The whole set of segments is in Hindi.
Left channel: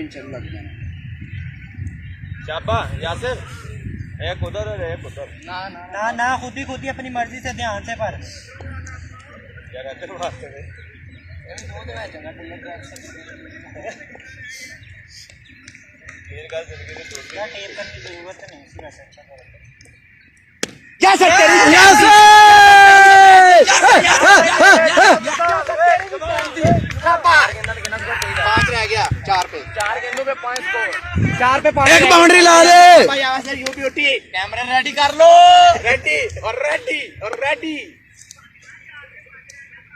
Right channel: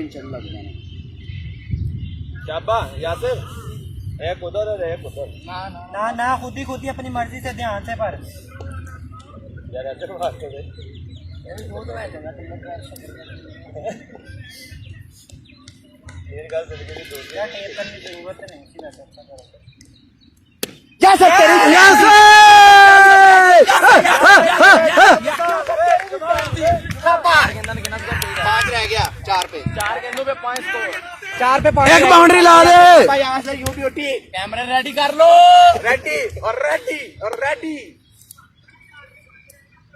इंशाल्लाह लग जाना। शाबाश यासिर, एक उधर और एक उधर। ना ना खुद ही अपनी मर्जी से ध्यान से पर यार अच्छा बात करे। वो तो है जगह ये गल सुन के दूसरी क्या टेप करने की जरूरत नहीं इसी वजह से अच्छा करो। यासिर तेरी यासिर शाबाश 5 रह गया 4 पे 4 पे 5 एक बाउंड्री ला दे भाई Yasir you beauty camera ready कर लो रेडी और रेडी और रेडी।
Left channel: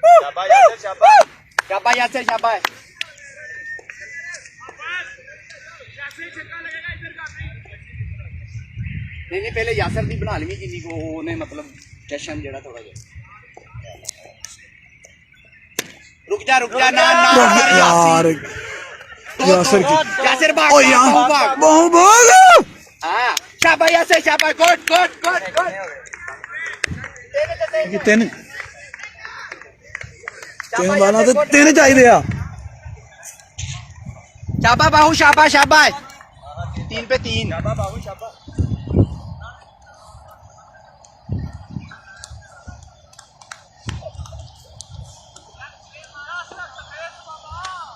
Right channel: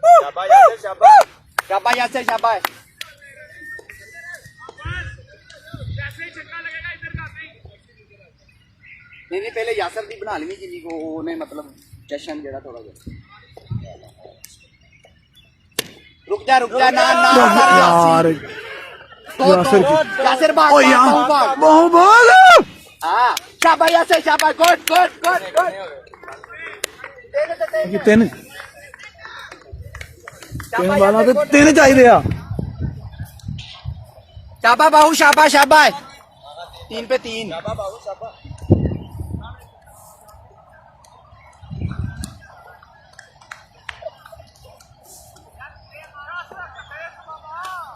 शाबाश यासिर शाबाश। शाबाश यासिर शाबाश। नहीं पहले यासर दी बना ली जिन्नी को उन्हें मतलब जशन जेड़ा थोड़ा जा रुक जा ना ना यार यासिर की यासिर भाग ओ यार भाग बहु भाग हां शाबाश यासिर शाबाश गुड गुड गुड गुड ये तीन वाला तो तीन चाहिए आ शाबाश बाहू शाबाश शाबाश 3 पे 3 शाबाश बाबू शाबाश।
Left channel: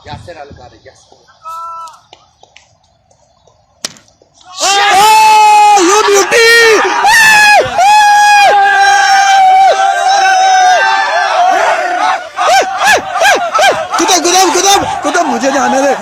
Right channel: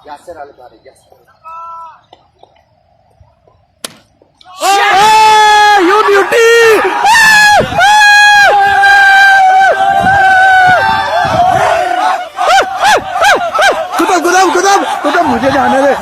यासिर अलग आ रही यासिर यू ब्यूटी कुतुब मुझे जाने दे